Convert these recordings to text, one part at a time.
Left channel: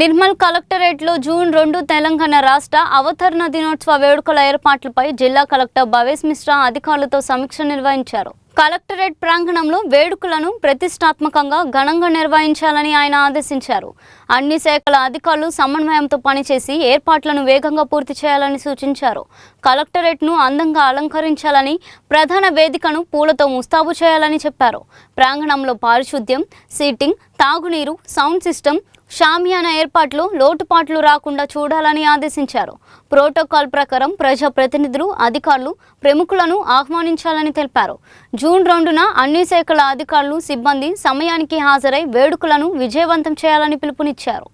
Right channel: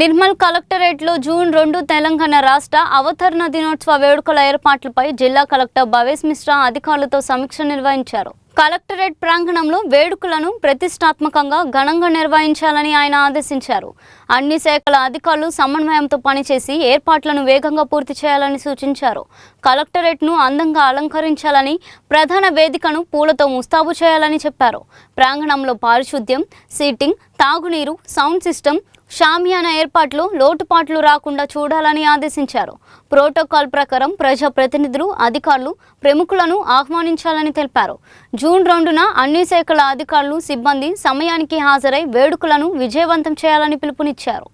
నిర్మల్ కలెక్టరేట్లో జూన్ 2 తెలంగాణ రాష్ట్ర అవతరణ దినోత్సవ వేడుకల ఏర్పాట్లపై జిల్లా కలెక్టర్ భవేష్ మిశ్రా అధికారులతో సమీక్ష నిర్వహించారు. కలెక్టరేట్ ప్రాంగణంలో వేడుకలను ప్రతిష్టాత్మకంగా ఘనంగా నిర్వహించాలని ఆయన ఆదేశించారు. అన్ని శాఖల అధికారులు సమన్వయంతో పనిచేసి ఏర్పాట్లను వేగంగా పూర్తి చేయాలని సూచించారు. కలెక్టరేట్ను అందంగా అలంకరించాలని, ప్రధాన వేదికను పూలతో ముస్తాబు చేయాలని చెప్పారు. ప్రాంగణంలో పారిశుద్ధ్యం, సీటింగ్, తాగునీరు, సౌండ్ సిస్టమ్, షామియానా ఏర్పాట్లు లోటుపాట్లు రాకుండా చూడాలని ఆదేశించారు. ప్రోటోకాల్ ప్రకారం ప్రజాప్రతినిధులు, అధికారులు, ప్రముఖులను ఆహ్వానించాలని తెలిపారు. జూన్ 2న అన్ని శాఖల అధికారులు, సిబ్బంది సమయానికి హాజరై వేడుకలను విజయవంతం చేయాలని పిలుపునిచ్చారు.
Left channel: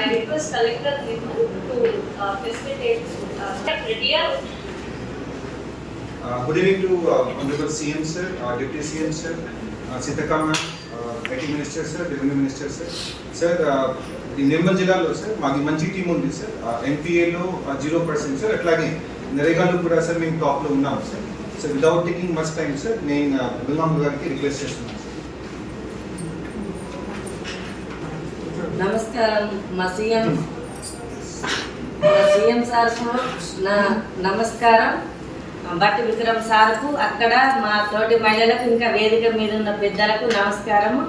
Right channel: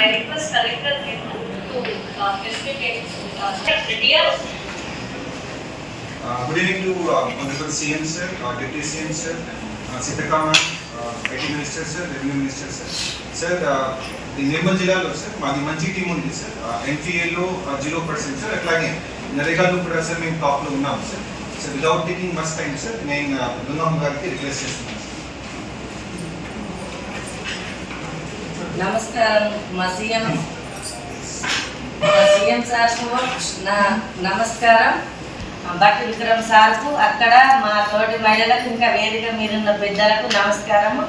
I request Collector Nirmal to facilitate good evening to Honorable CM sir, Deputy CM sir, Sitaka ma'am, IT Minister sir, Revenue Minister sir. Sir, the Nirmal జిల్లాలో sir మాది మంచి టీం ఉంది sir. NPA లో 0% sir. అట్లాగే నరేగాలో కూడా sir మేము top లో ఉన్నాం sir. So without taking much time sir, నేను దున్నాం గారికి రిక్వెస్ట్ చేస్తున్నాను. నమస్కారం. మా సీఎం సార్కు నా నమస్కారం. బట్టి విక్రమ్ సార్కు, అక్కడ మా తోటి మహిళలకు, ఇంకా వేదిక మీద ఉన్న పెద్దలకు నమస్కారము.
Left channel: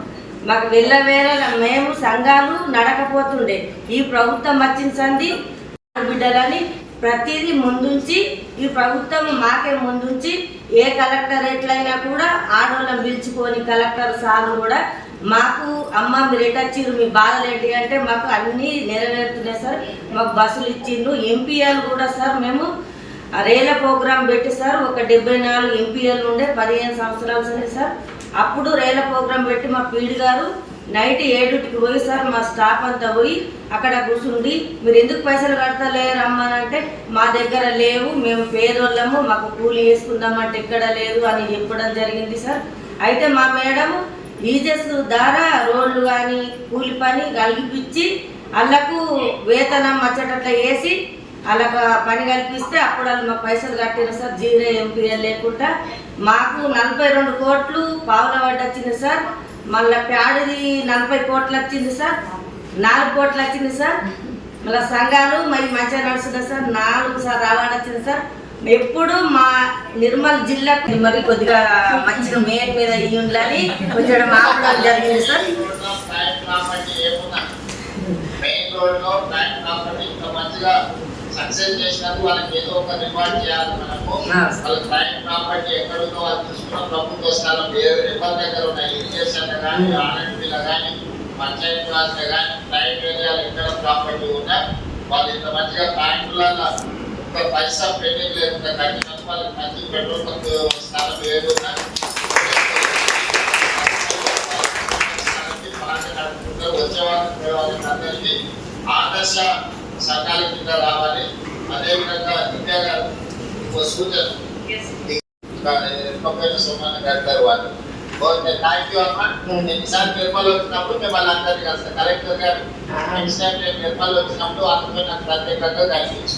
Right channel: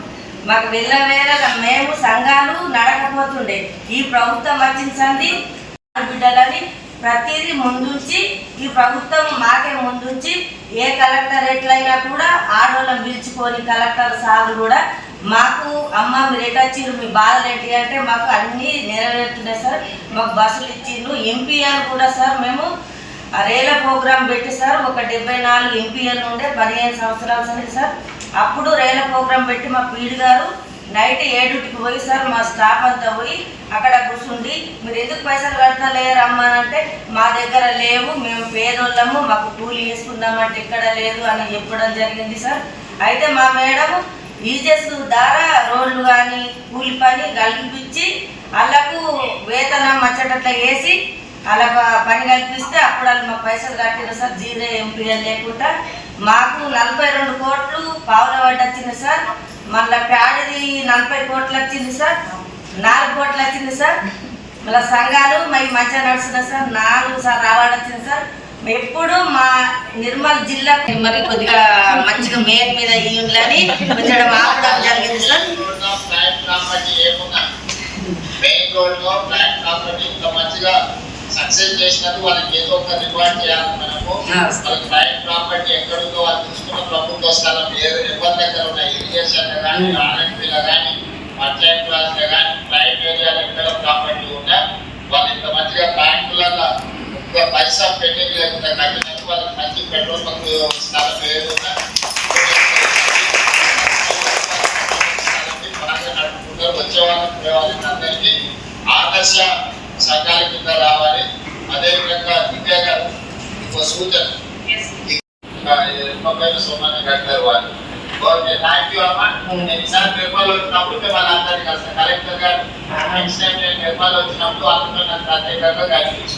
మాకు వెళ్ళవేళ మేము సంఘాలు నడకపోతుండే, ఈ ప్రభుత్వం వచ్చింది బిడ్డలని ప్రతిదీ ముందుంచి, ఈ ప్రభుత్వం మాకే ముందుంచి ఏ కలెక్టరేట్లైనా కూడా ఆడోళ్ళని పిలుచుకొని కలెక్టర్ సార్లు కూడా మాకు అమ్మ మీరు ఎటొచ్చిర్రు, మీ బాధలు ఏంటి అంటే మాకు అన్నీ నెరవేరుతున్నాయి సార్. మాకు బస్సులు ఇచ్చిండ్రు. ఎంపీఎల్ కూడా సార్ మేము రేల ప్రోగ్రాం పెట్టి సార్ ఒక 74 ఎంపీఎల్ ఉండే 15 సంవత్సరాలు సరే సార్. అప్పుడు రేల ప్రోగ్రాం పెట్టి మా పీడి గారు నైట్ 7కి పోయి సార్ మా స్టాఫ్ అంతా పోయి అక్కడ కూర్చుండి మీరు ఎందుకు పైసలు కడతలేరమ్మా అంటే మా దగ్గర లేవు, మేము పేదోళ్ళము, మాకు కూలీ వేసుకుందామంటే ఇక్కడ లేదు అని చెప్పడం జరిగింది సార్. అయితే మా మేడం ఈజెస్ ద్వారా రోడ్లు కానీ కూలి పని కలిపిచ్చి వాళ్ళకు వేతనం వచ్చేటట్లా వేసి వాళ్ళకు పని కల్పిస్తే అప్పుడు వాళ్ళు మాకు పైసలు కట్టిన సార్. 0 ఎంపీఎల్ లేకుండా మాకు 42 కోట్లు పావుల వడ్డీ వచ్చింది సార్. మళ్ళీ ప్యాడిది 40 కోట్లు వచ్చింది సార్. 4 కోట్లు వచ్చింది సార్. మళ్ళీ సంఘాలు మంచిగా నడుస్తున్నాయి సార్. 4 సార్ అవార్డు వచ్చింది సార్. ఎప్పుడు మా నిర్మల్ జిల్లాకు మరి కొద్దిగా మంచిగా మెయిన్ మీద ఇయ్యాలని కొంచెం ఆపడం జరిగింది సార్. సక్సెస్ చేసినట్టు వాళ్ళకి ఏదో ఒక రివార్డ్ చేయాలి మనము. వాళ్ళకి ప్రైవేట్ ప్రాపర్టీ ఎక్కడుందో వాళ్ళు చూసుకున్న ప్రభుత్వ స్థలం ఎవరి దగ్గర ఉన్న ఇరిగేషన్ కానీ, ఆర్ఎండ్బీలో కానీ, పంచాయత్ రాజ్లో కానీ, ప్రైవేట్ ఏరియాలో ఎక్కడ ప్రాపర్టీ ఉన్నా వాళ్ళు ఇంత మంచిగా బ్యాంకులలో ఒక పైసా పెండింగ్ లేకుండా కట్టినట్టు వాళ్ళకి మంచి పెట్రోల్ బంక్ స్థలం ఏదున్నా నడుపుకుంటారు. వచ్చే వాళ్ళకి అందరికీ ఆదర్శ సంఘాల కింద రావాలి. అదేవిధంగా విద్యా గారు ఒక సూచన సోమాన్ని కట్టారు వాళ్ళు. థ్యాంక్ యూ అమ్మా. ఈసారి నిర్మల్ వచ్చినప్పుడు మిమ్మల్ని అందరికీ వస్తాను. కలెక్టర్ గారు నెక్స్ట్ టైం నేను నిర్మల్ వచ్చినప్పుడు అందరూ నాకు ప్రత్యేకంగా కలిసి